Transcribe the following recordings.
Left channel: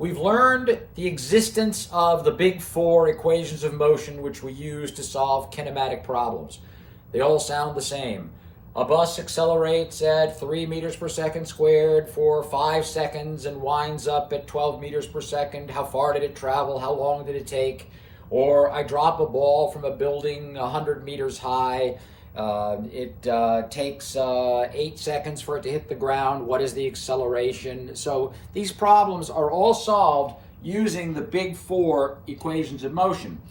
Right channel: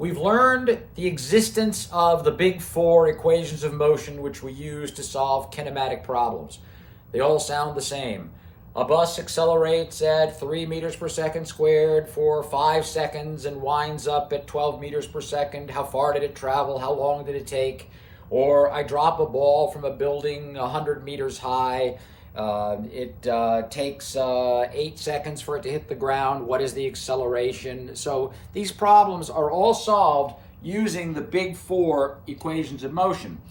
We've learned the existence of the big four equations of motion which we use to solve kinematic problems. They all sound the same. A bus accelerates at 3 meters per second squared for 5 seconds and winds up at 12 meters per second. How far did it travel? How long did it take? Or I drop a ball from a building 100 meters high. It takes 8 seconds for it to hit the ground. What is the acceleration? So these problems are all solved using the big four equations of motion.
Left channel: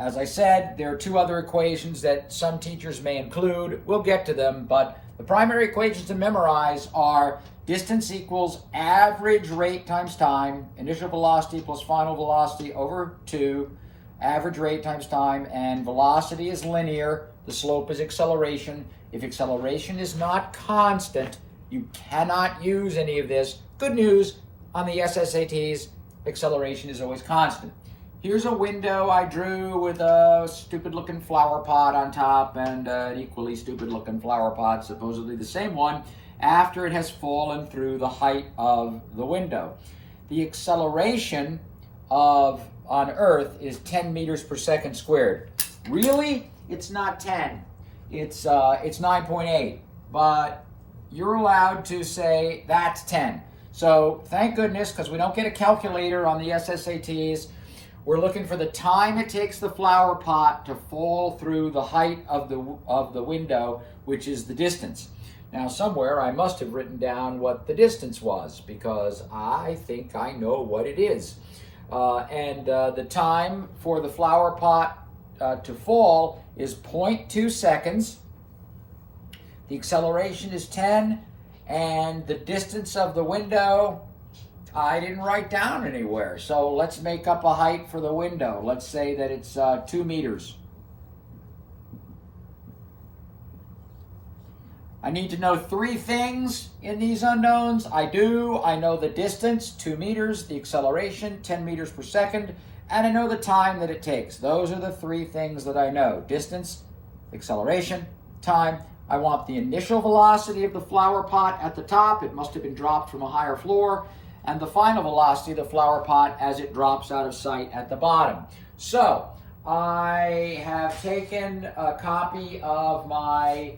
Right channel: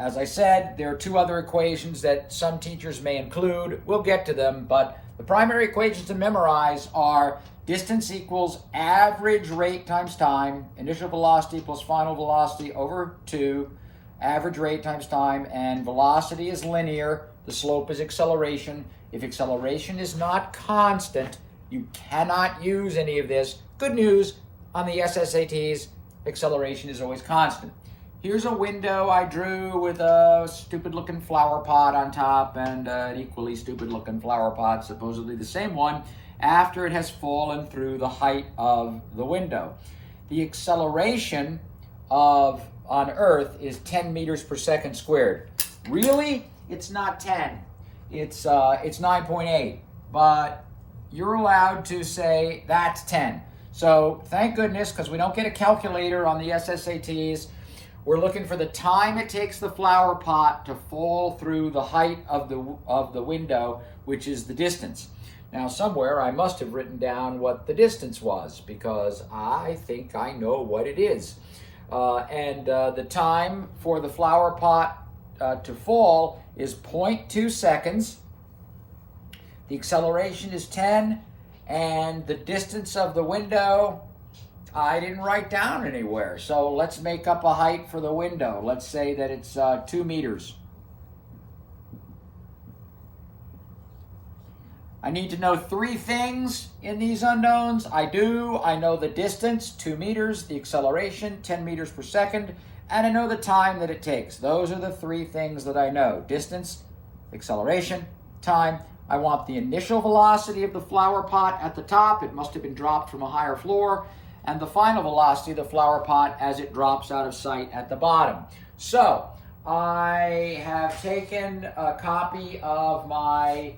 As I said, there are two other equations that some teachers may include. We'll get to them, but the primary equations to memorize are distance equals average rate times time, initial velocity equals final velocity over 2, average rate times time, and velocity is linear, the slope is acceleration. If acceleration is not constant, you cannot use any of this. Good news, on the SSATs, acceleration is always constant. Here's a window I drew with a stupid-looking flower pot on top and an equally stupid-looking flower pot, supposedly the same one, after it has fallen through the height of the window. The acceleration on Earth is 10 meters per second squared. Really? It's not 10. It's 9.8. But you're allowed to say that's 10. So thank goodness, because we don't get a calculator on the SSATs. We're looking for the time it takes the flower pot to fall through the height of the window, which is the distance. Now somewhere I must have written down what the distance was, because I think I know what it is. The time for the flower pot to fall is 0.2 seconds. The acceleration is 10, and the distance of the window, I didn't write down anywhere. So let's make up a height for the window. Let's say that it's 2 meters. I need to know 3 things in these unknowns. I know the distance, 2 meters, the acceleration, 10 meters per second, and I know the time that it takes. Those are the 3 things that I know. Distance, acceleration, time. I want the initial velocity of the flower pot at the top. It must have been dropped from a higher floor. And the final velocity of the flower pot as it drops out of sight at the bottom. So I have taken a copy of my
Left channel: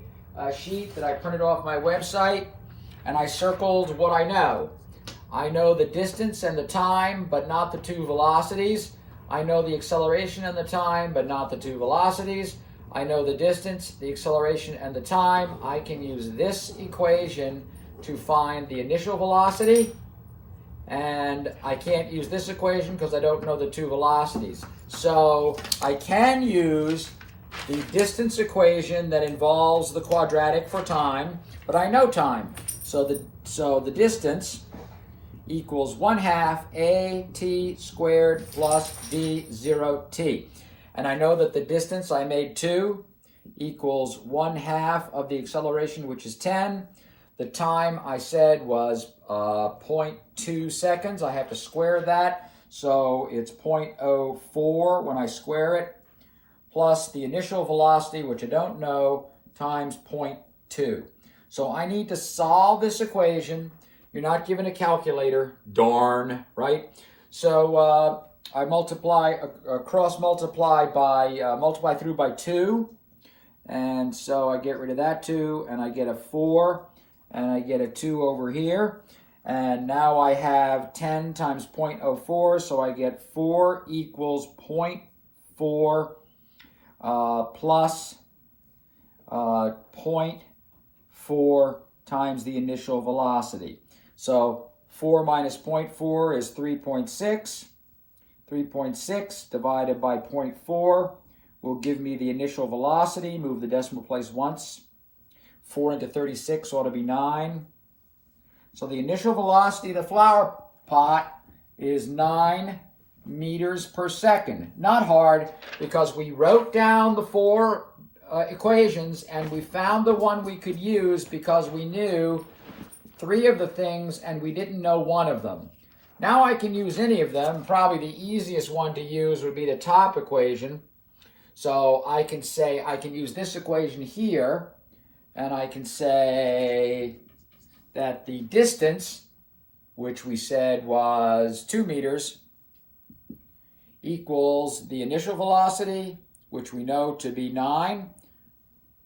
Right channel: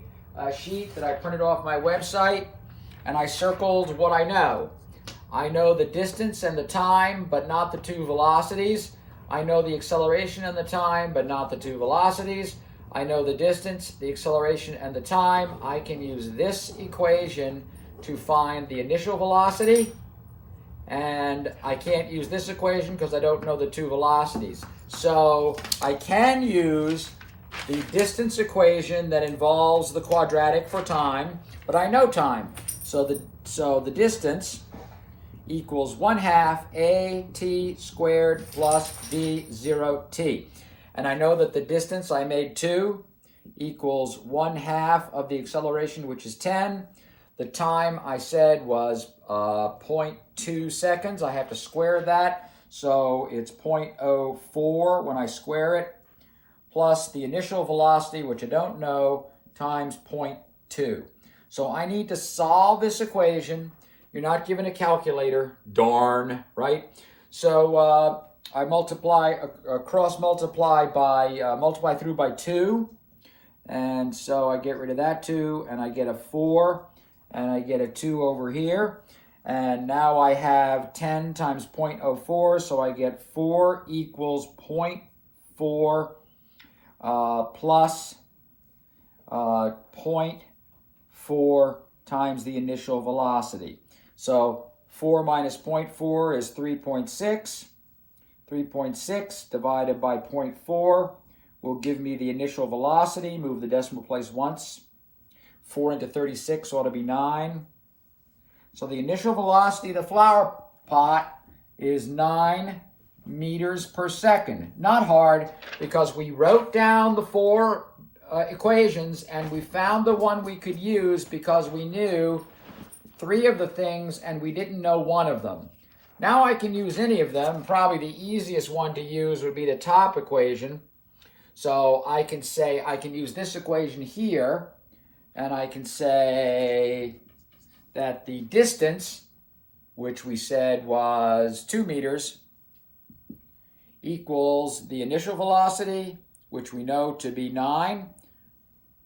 sheet that I printed off my website, and I circled what I know. I know the distance and the time, but not the 2 velocities. I know the acceleration and the time, but not the 2 velocities. I know the distance, the acceleration, and the time. I can use this equation to find the initial velocity, and I can't use this equation because I don't know the 2 velocities. So I can use the distance equation that involves the quadratic for time, but I know time. So the distance equals 1/2 AT squared plus V0T. And I know that the distance I made 2 equals 1/2 of the acceleration, which is 10. The time I said was 0.2 seconds. I have to square that. So it's 0.04 when I square it, plus the initial velocity, which I don't know, times 0.2. So I need to solve this equation. You're not given a calculator, darn, right? So I multiply, cross-multiply by, multiply through by 2. And so I get rid of that 2, and I get a 4. And I get a 2 over here. And now I have 10 times 0.04, so I get 4 equals 0.4 plus 0.4 times the initial velocity. So 4 minus 0.4 is 3.6. 3.6 divided by 0.4 will give me the initial velocity. Move the decimal place once. 4 into 36 ought to be 9. So the initial velocity of the flower pot is 9 meters per second. Not hard, because we wrote down the 4 equations and we found the one we could use because we knew 3 of the things and we didn't know 1 of them. Now I can use any of them. Probably the easiest one to use would be the top equation. So I can say, I can use this equation here, and I can say that the distance which we said was 2 meters, equals the initial velocity, which we know to be 9,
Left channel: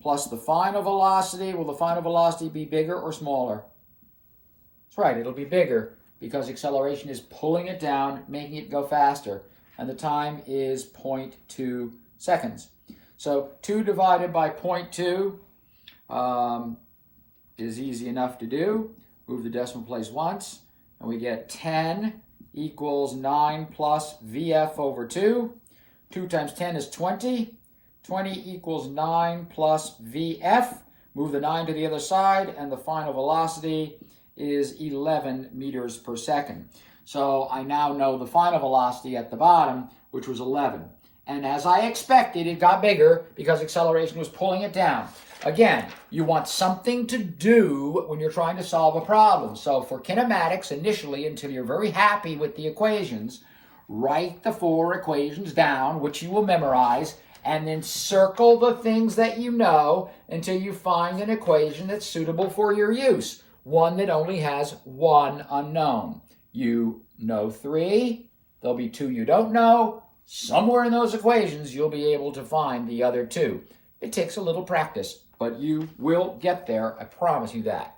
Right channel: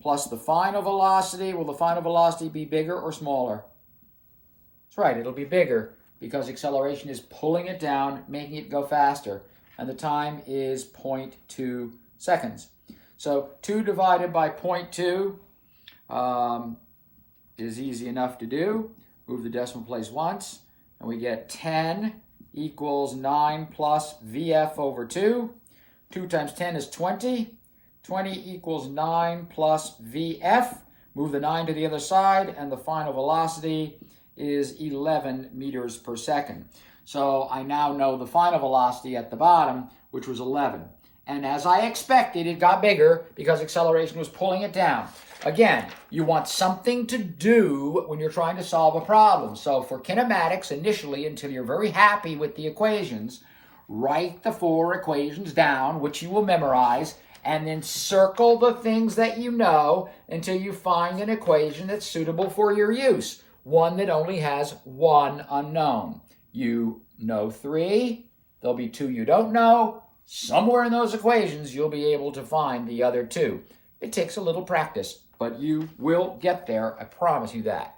plus the final velocity. Will the final velocity be bigger or smaller? That's right, it'll be bigger because acceleration is pulling it down, making it go faster, and the time is 0.2 seconds. So 2 divided by 0.2 is easy enough to do. Move the decimal place once, and we get 10 equals 9 plus VF over 2. 2 times 10 is 20. 20 equals 9 plus VF. Move the 9 to the other side, and the final velocity is 11 meters per second. So I now know the final velocity at the bottom, which was 11. And as I expected, it got bigger because acceleration was pulling it down. Again, you want something to do when you're trying to solve a problem. So for kinematics, initially, until you're very happy with the equations, write the 4 equations down, which you will memorize, and then circle the things that you know until you find an equation that's suitable for your use, one that only has one unknown. You know 3, there'll be 2 you don't know. Somewhere in those equations, you'll be able to find the other 2. It takes a little practice, but you will get there, I promise you that.